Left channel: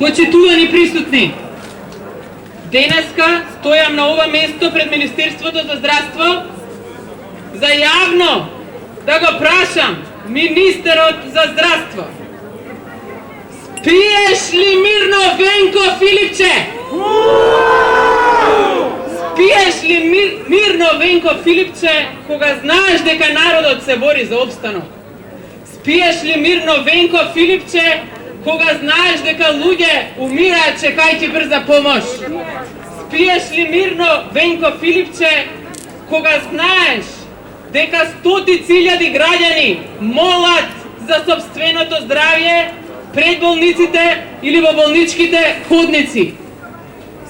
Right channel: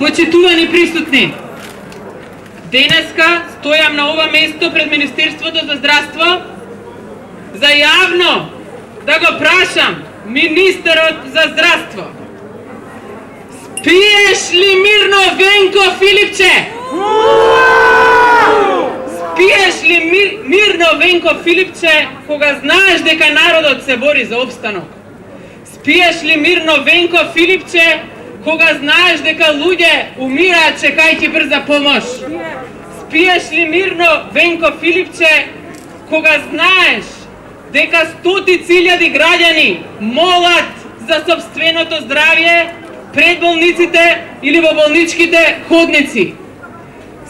Почитувани присутни, денеска стојам на ова место пред Министерството за здравство за јавно да го прашам министерот за здравство. Спиеш ли мирно, Венко Филипче? Спиеш ли мирно, Венко Филипче, кога знаеш дека народот се бори за опстанок? Спиеш ли мирно, Венко Филипче, кога знаеш дека луѓе умираат чекајќи брза помош? Спиеш ли мирно, Венко Филипче, кога знаеш дека стотици илјади граѓани молат за сопственото здравје пред болниците или во болничките ходници?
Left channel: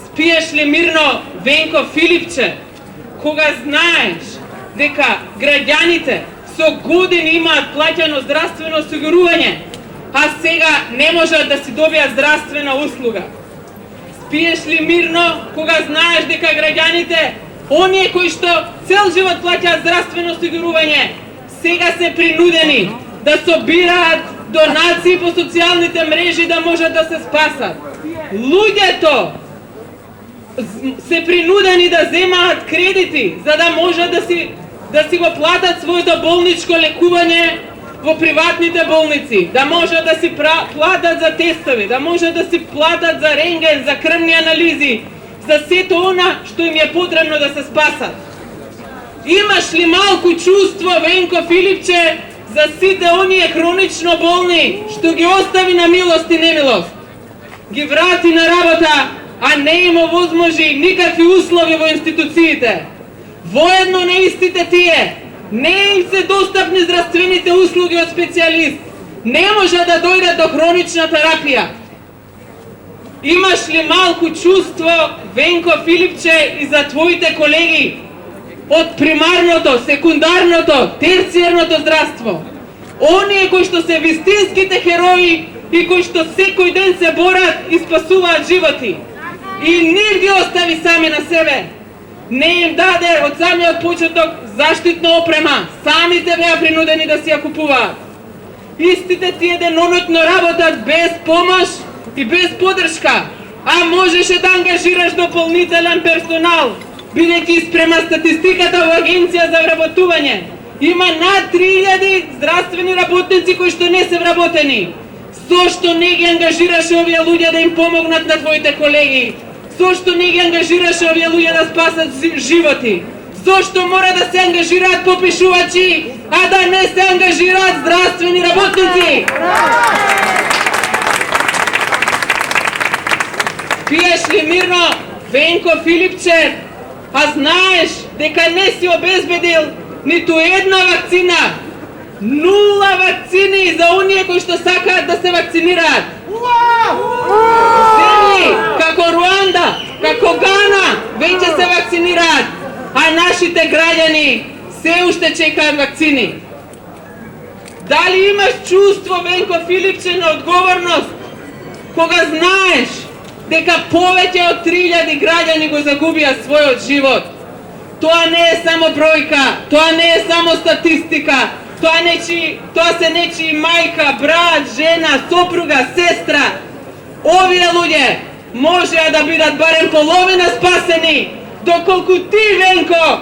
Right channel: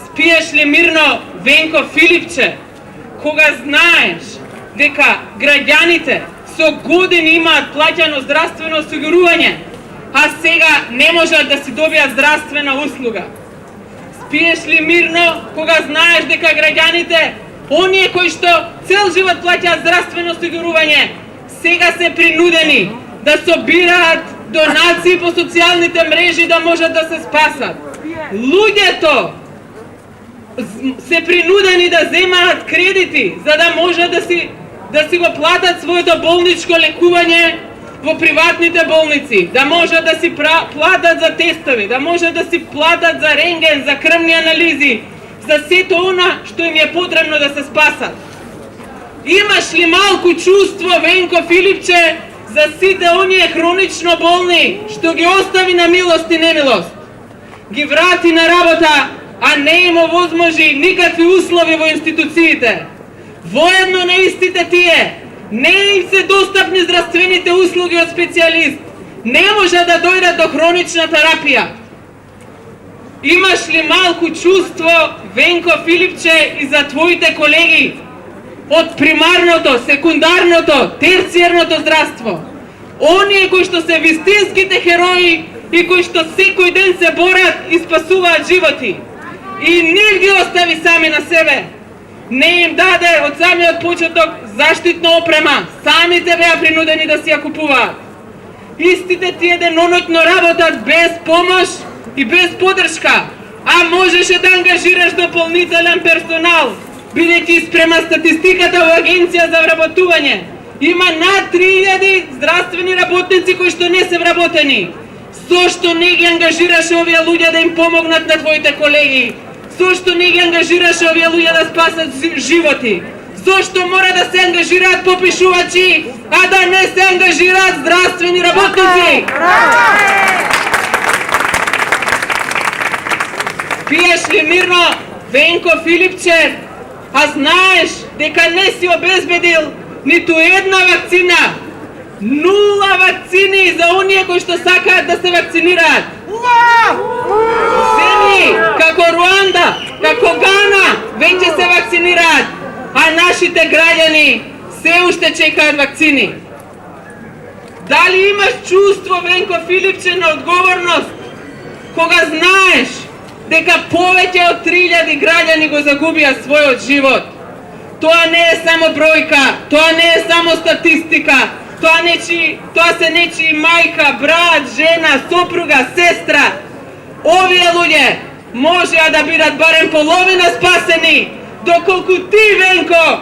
Спиеш ли мирно, Венко Филипче, кога знаеш дека граѓаните со години имаат плаќано здравствено осигурување, а сега не можат да си добијат здравствена услуга? Спиеш ли мирно кога знаеш дека граѓаните, оние кои што цел живот плаќаат здравствено осигурување, сега се принудени да собираат донации по социјалните мрежи да можат да се спасат? Луѓето се принудени да земаат кредити за да можат да си го платат своето болничко лекување во приватните болници, да можат да си платат за тестови, да можат да си платат за рентген, за крвни анализи, за сето она што им е потребно да се спасат. Имаш ли малку чувство, Венко Филипче, за сите оние хронично болни што ги остави на милост и немилост? Ги врати на работа, а не им овозможи никакви услови во институциите. Воедно на истите тие, не им се достапни здравствените услуги од специјалист, не може да дојдат до хронична терапија. Имаш ли малку чувство, Венко Филипче, и за твоите колеги од примарното, секундарното, терцијарното здравство? Оние кои што се вистинските херои и кои што секој ден се борат и спасуваат животи. И не ги остави сами на себе. Не им даде од самиот почеток заштитна опрема. Самите беа принудени да си ја купуваат. Истите тие деноноќно работат без помош и без поддршка, а можеше да ангажираш дополнителен персонал, бидејќи спрема статистиката во Агенција за вработување има над 3000 здравствени работници кои што не се вработени. Зошто не ги ангажираш овие луѓе да им помогнат на твоите колеги? Зошто не ги ангажираш овие луѓе да спасат животи? Зошто мора да се ангажираат попишувачи, а да не се ангажираат здравствени работници? Пиеш ли мирно, Венко Филипче, а знаеш дека не си обезбедил ниту една вакцина? 0 вакцини за оние кои што сакаат да се вакцинираат. Земји како Руанда, како Гана веќе се вакцинираат, а нашите граѓани се уште чекаат вакцини. Дали имаш чувство, Венко Филипче, на одговорност кога знаеш дека повеќе од 3000 граѓани го загубија својот живот? Тоа не е само бројка, тоа не е само статистика, тоа се нечи мајка, брат, жена, сопруга, сестра. Овие луѓе можеа да бидат барем половина спасени, доколку ти, Венко,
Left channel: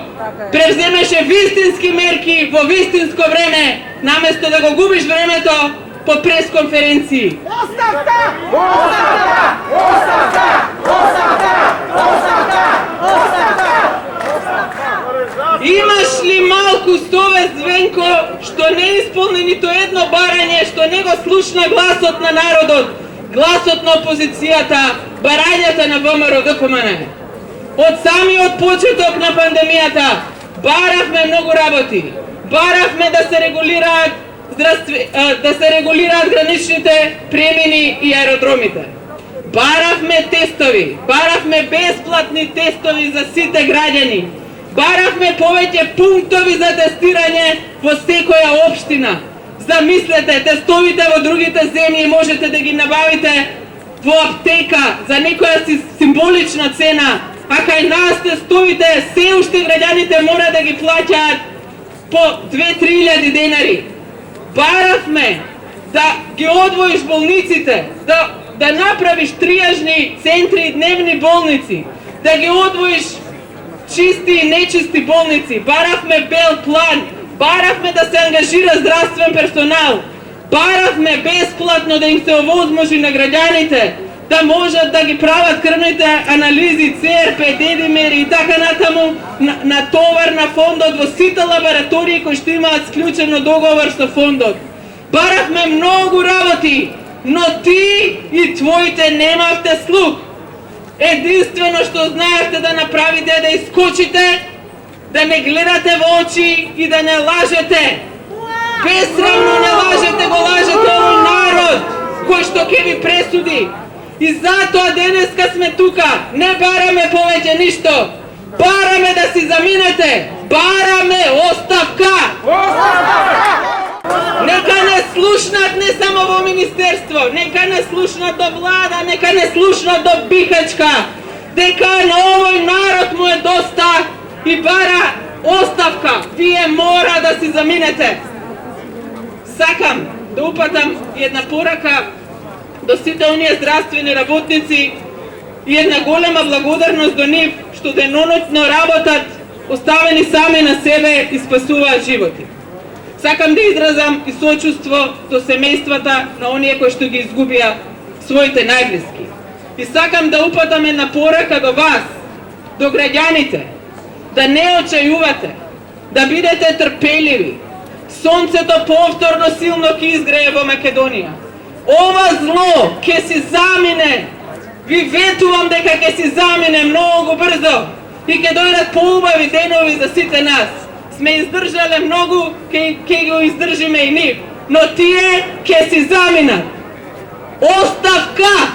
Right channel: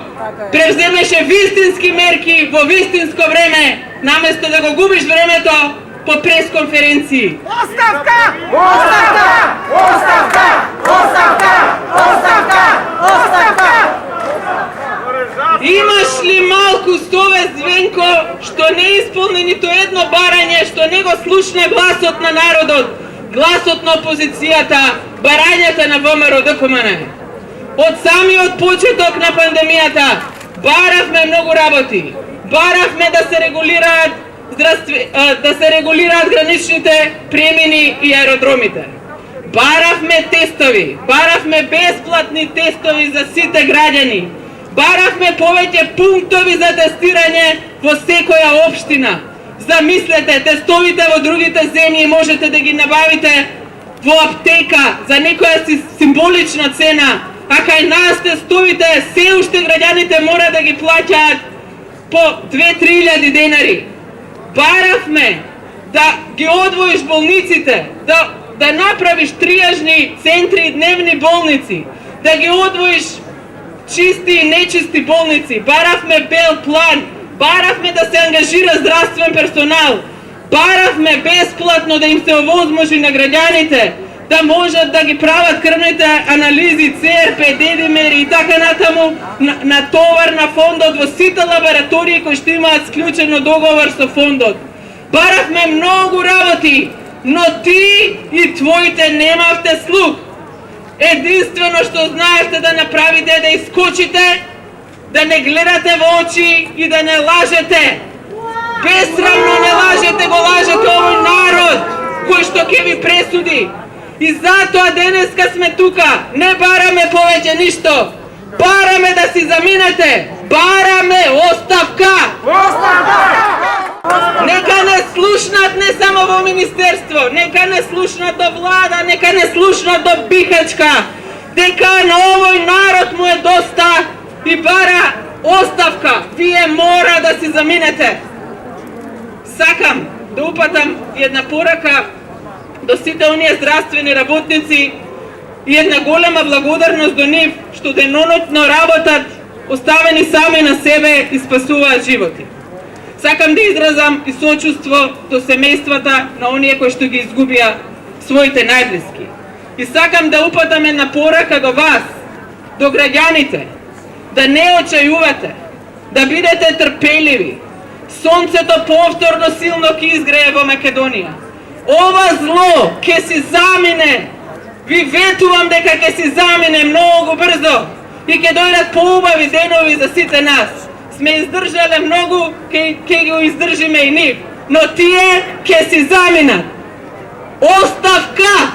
превземеше вистински мерки во вистинско време, наместо да го губиш времето по пресконференции. Оставка! Оставка! Оставка! Оставка! Оставка! Оставка! Имаш ли малку совест, Венко, што не исполни нито едно барање, што не го слушна гласот на народот, гласот на опозицијата, барањата на ВМРО ДКМН? Од самиот почеток на пандемијата баравме многу работи. Баравме да се регулираат граничните премини и аеродромите. Баравме тестови, баравме бесплатни тестови за сите граѓани. Баравме повеќе пунктови за тестирање во секоја општина. Замислете, тестовите во другите земји можете да ги набавите во аптека за некоја символична цена, а кај нас тестовите се уште граѓаните мора да ги плаќаат по 2-3 денари. Баравме да ги одвоиш болниците, да да направиш триажни центри и дневни болници, да ги одвоиш чисти и нечисти болници. Баравме бел план, баравме да се ангажира здравствен персонал, баравме бесплатно да им се овозможи на граѓаните, да можат да ги прават крвните анализи, ЦРП, дедимери и така натаму на товар на фондот во сите лаборатории кои што имаат склучено договор со фондот. Баравме многу работи, но ти и твоите немавте слух. Единствено што знаете да направите е да искочите, да не гледате во очи и да не лажете. Безсрамно не лажете, го лажете овој народ кој што ќе ви пресуди. И затоа денеска сме тука, не бараме повеќе ништо, бараме да си заминете, бараме оставка! Нека не слушнат не само во министерство, нека не слушнат до влада, нека не слушнат до Бихачка, дека на овој народ му е доста и бара оставка. Вие мора да си заминете. Сакам да упатам една порака до сите оние здравствени работници и една голема благодарност до нив што денонотно работат, оставени сами на себе и спасуваат животи. Сакам да изразам и сочувство до семејствата на оние кои што ги изгубија своите најблиски. И сакам да упатам една порака до вас, до граѓаните, да не очајувате, да бидете трпеливи. Сонцето повторно силно ќе изгрее во Македонија. Ова зло ќе си замине. Ви ветувам дека ќе си замине многу брзо и ќе дојдат поубави денови за сите нас. Сме издржале многу, ќе го издржиме и нив, но тие ќе си заминат. Оставка!